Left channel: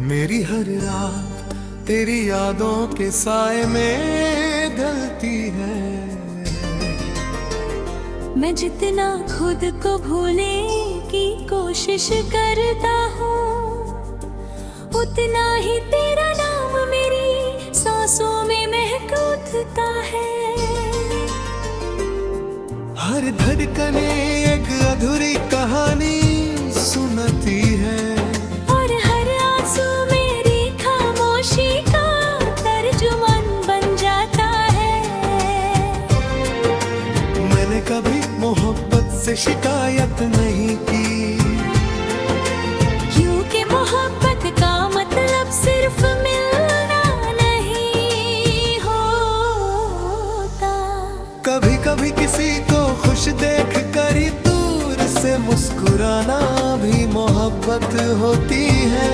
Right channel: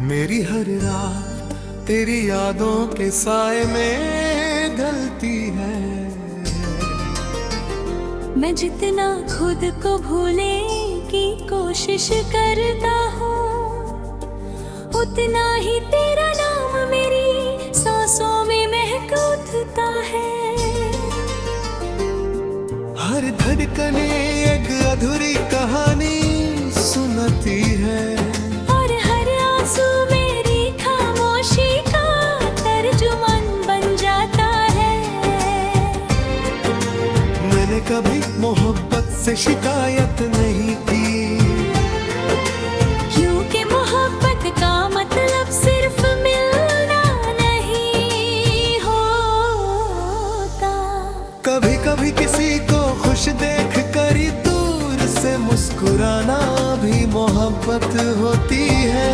मेरी हर रात तेरी यादों के साए में ढलती है। मैं जितना खुद को भूलने की कोशिश करता हूँ, उतना ही तेरा नाम मेरी सांसों में महक उठता है। हर धड़कने एक अधूरी कहानी सुनाती है, और हर आंसू मेरी खामोशी का तर्जुमान बन जाता है। मैंने कभी मोहब्बत से शिकायत नहीं की, क्योंकि मोहब्बत का मतलब सिर्फ मिलना नहीं होता। कभी कभी किसी को खुश देख कर ही दूर से मुस्कुराना भी मोहब्बत होती है।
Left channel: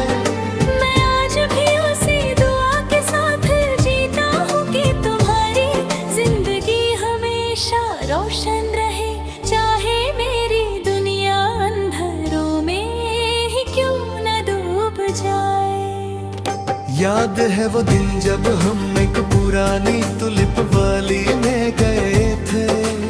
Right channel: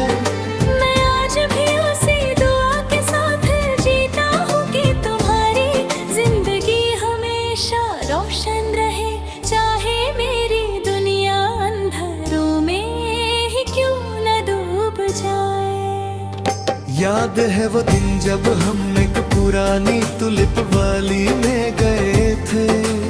मैं आज भी उसी दुआ के साथ जीता हूँ कि तुम्हारी जिंदगी हमेशा रोशन रहे, चाहे मेरी दुनिया अंधेरों में ही क्यों न डूब जाए। याद है वो दिन जब हम एक पुरानी तुलिप वाली में गए थे।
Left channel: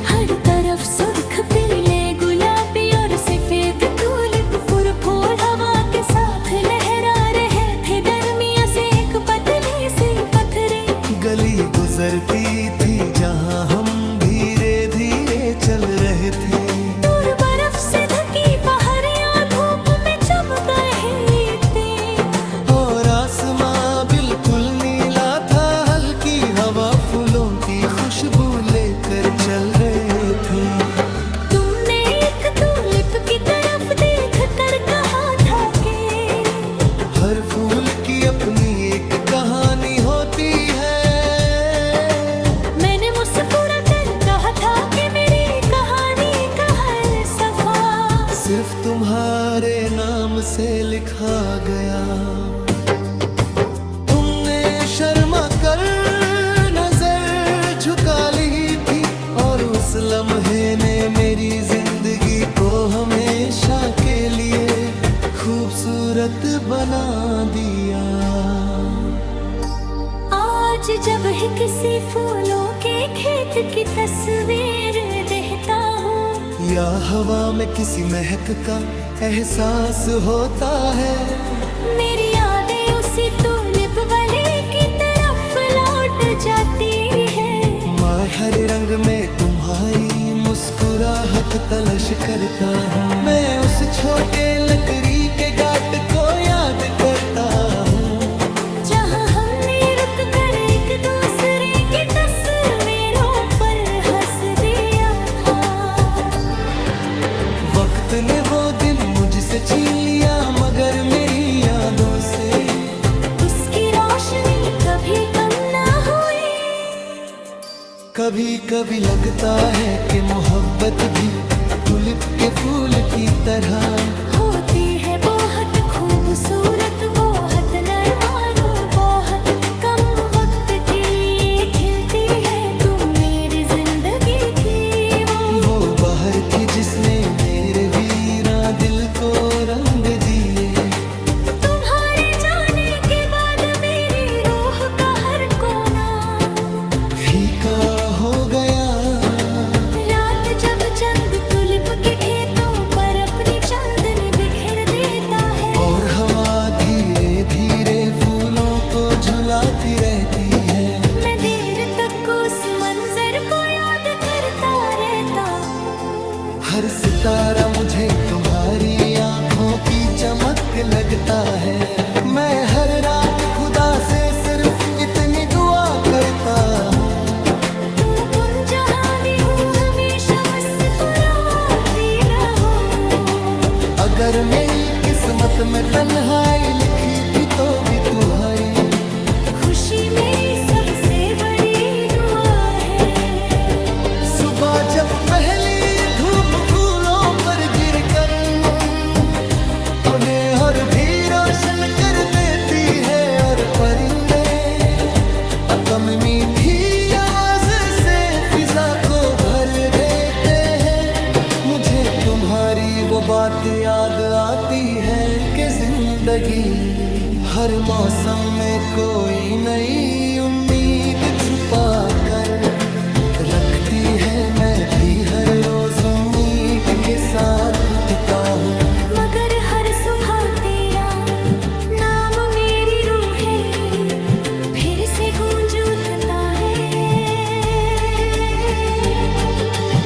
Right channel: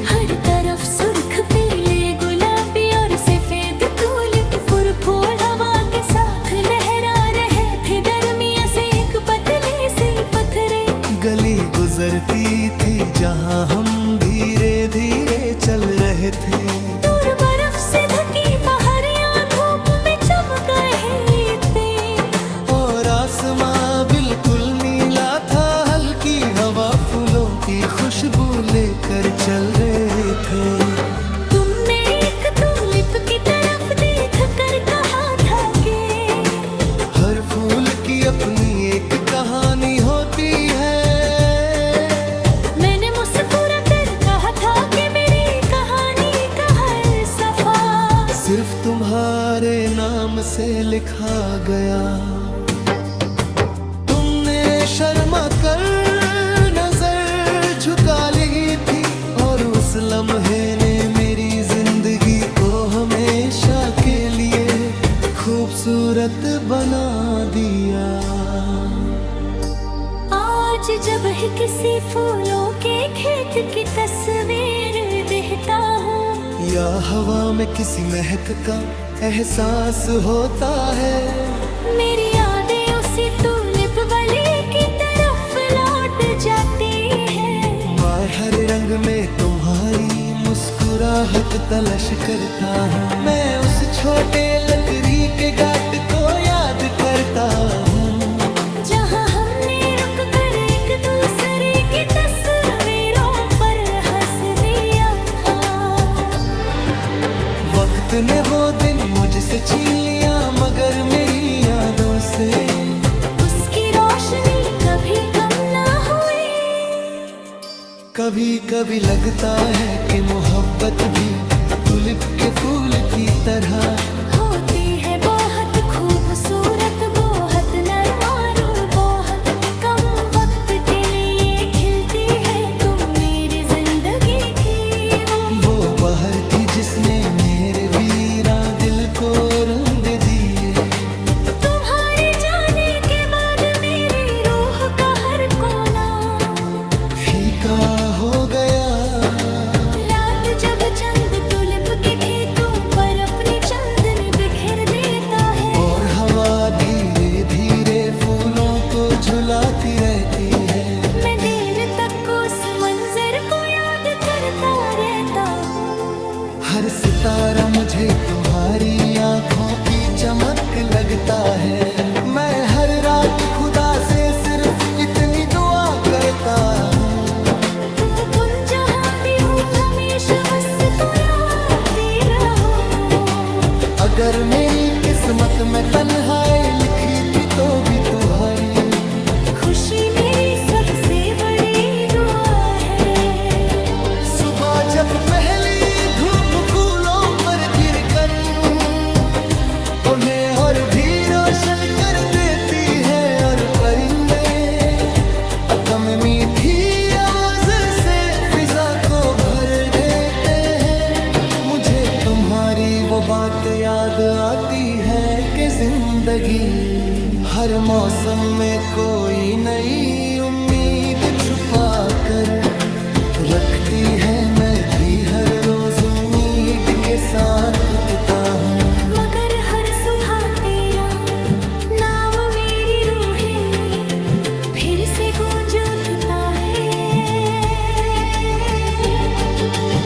हर तरफ सुर्ख पीले गुलाबी और सफेद तुलिप फूल हवा के साथ लहरा रहे थे। दरमिया से एक पतली सी पत्थरें गली गुजरती थी जहाँ हम धीरे धीरे चल रहे थे। दूर बर्फ से ढकी पहाड़ियाँ धूप में चमक रही थी, और आसमां बिल्कुल नीला था, हल्की हवा फूलों की खुशबू लेकर चल रहे थे। तुमने एक तुलिप की तरफ देख कर कहा था कि हर फूल की अपनी एक कहानी होती है। मैंने मुस्कुरा कर कहा था कि मेरी कहानी का हर सफा सिर्फ तुम्हारे नाम से लिखा गया। तुमने शर्मा कर नजर झुका ली थी, और उस लम्हे ने मेरी जिंदगी को हमेशा के लिए खूबसूरत बना दिया। आज जब ही किसी फूलों के खेत की तस्वीर देखता हूँ, या हवा में किसी महक का एहसास होता है, मेरी यादें उसी तुलिप वाले की तरफ लौट जाती है। मैं हर रंग में तुम्हारी मुस्कुराहट तलाश करता हूँ। मैं उस छोटे लकड़ी के घाट को याद करता हूँ, जहाँ हमने रुक कर एक दूसरे की तस्वीरों पर हंस दिया था। वक्त ने वो दिन मुझसे छीन लिया, मगर मेरी यादों से उसकी रोशनी कभी कम ना हुई। कभी कभी लगता है कि मोहब्बत भी तुलिप के फूल की तरह होती है, बहुत खूबसूरत, बहुत नरम और बहुत कम वक्त के लिए खिलती है। तुम मेरी जिंदगी की वो बहर थी जिसने मेरे वीरा दिल को रंग दे दिए। तुम्हारे जाने के बाद मेरी रूह का हर कोना फीका हो गया। रात जब चंद तुलिप के खेतों पर अपनी चांदनी बिखेर देता है, और हवा धीरे धीरे फूलों को झुलाती रहती है, मैं देर तक उस मंजर को याद करता रहता हूँ। हर सितारा मुझे तुम्हारी आंखों की चमक लगता है। मैं हर रात खुदा से सिर्फ इतनी दुआ करता हूँ, तू कुन जहाँ भी हो हमेशा मुस्कुराती रहो। अगर मेरी किस्मत में तन्हाई लिखी थी तो भी तुम्हारी खुशी मेरी सबसे बड़ी दुआ है। सुबह जब पहली धूप फूलों पर गिर कर उन्हें और भी रोशन कर देती है, और परिंदे अपनी मीठी आवाज से फिजा को भर देते हैं। मुझे तुम्हारी वो बात याद आती है कि जिंदगी हर मौसम में कोई नई उम्मीद छुपा कर रखती है। मैं भी हर रोज उम्मीद के साथ उठता हूँ, मगर हर सुबह तेरा नाम मेरी रूह है फिर से गूंज उठता है।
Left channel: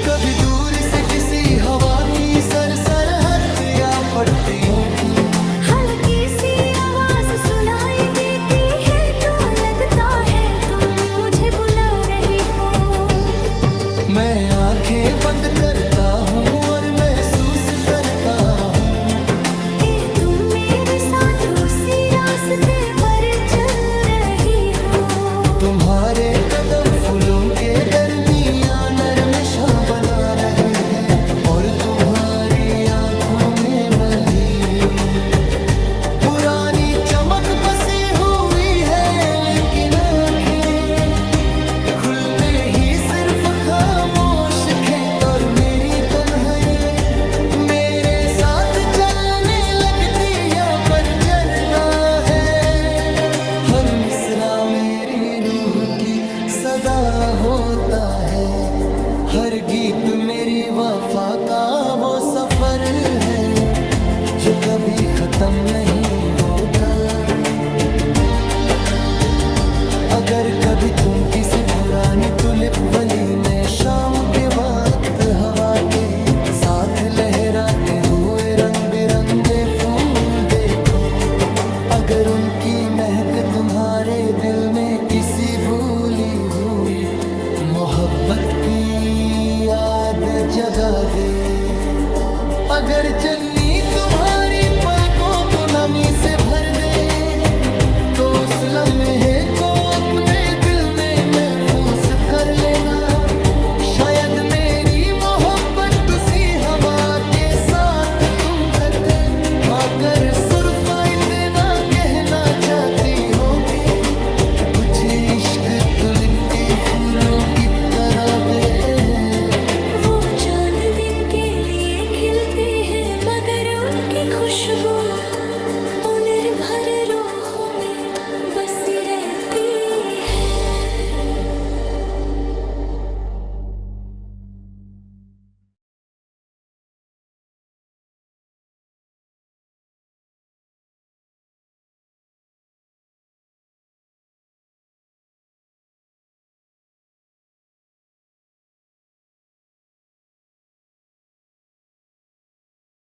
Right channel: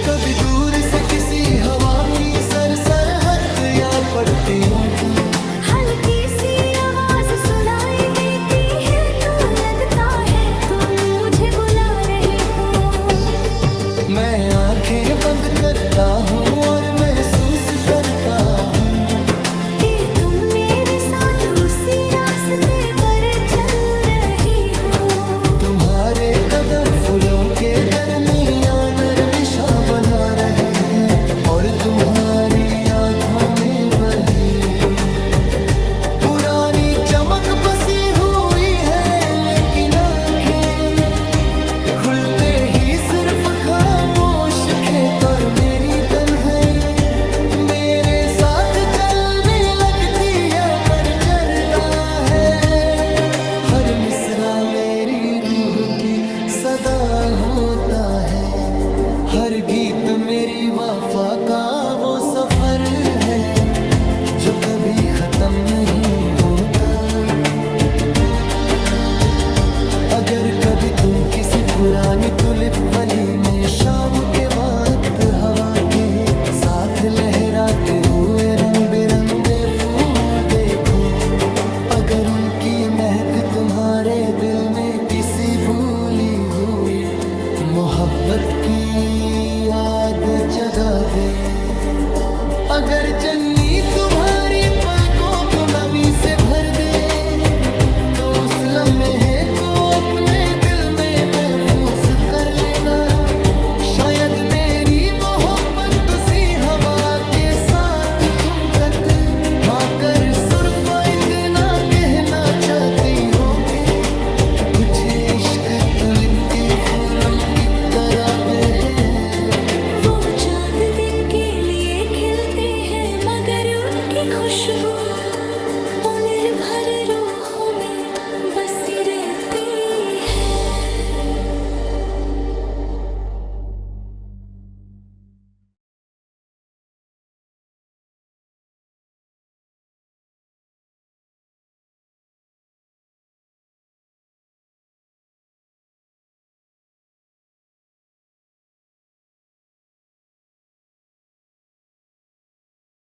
कभी दूर से किसी हवा की सरसराहट या पट्टियों की हल्की सी आवाज सुनाई देती है तो लगता है तुम मुझे बुला रही हो। मैं आंखें बंद करता हूँ और महसूस करता हूँ कि तुम मेरे साथ उसी रास्ते पर चल रही हो। तुम्हारे कदम फूलों के दरमियान नरमिशा बना रहे हैं और तुम्हारी आंखों में वही पुरानी चमक बसी हुई है। लेकिन आंखें खुलते ही सिर्फ खामोश खेत और मेरी तन्हाई मेरे साथ चलने लगती या पर जरदा है। हर मिसरा मेरी रूह की सदा होता है, हर गीत मेरी वफा का वो सफर है जो कभी खत्म नहीं होता। अगर कभी तुम किसी पुरानी तुलिप वली में शाम के वक्त हवा के साथ लहराते हुए रंग बिरंगे फूल देखो, अगर उनकी महक तुम्हारे दिल में किसी भूली हुई मोहब्बत की याद जगा दे, अगर चन्नी तुम्हारी पलकों को नमी से भर दे तो उस लम्हे को अपने दिल में महफूज कर लेना। शायद मेरी मोहब्बत उसी हवा के साथ तुम तक आकर सुरफा इतना कहना चाहती हो के कुछ इश्क तुलिप के फूलों की तरह वे है। वो चांद दिन के लिए खिलते हैं मगर उनकी खुशबू निर्भर रूहों में बसी रहती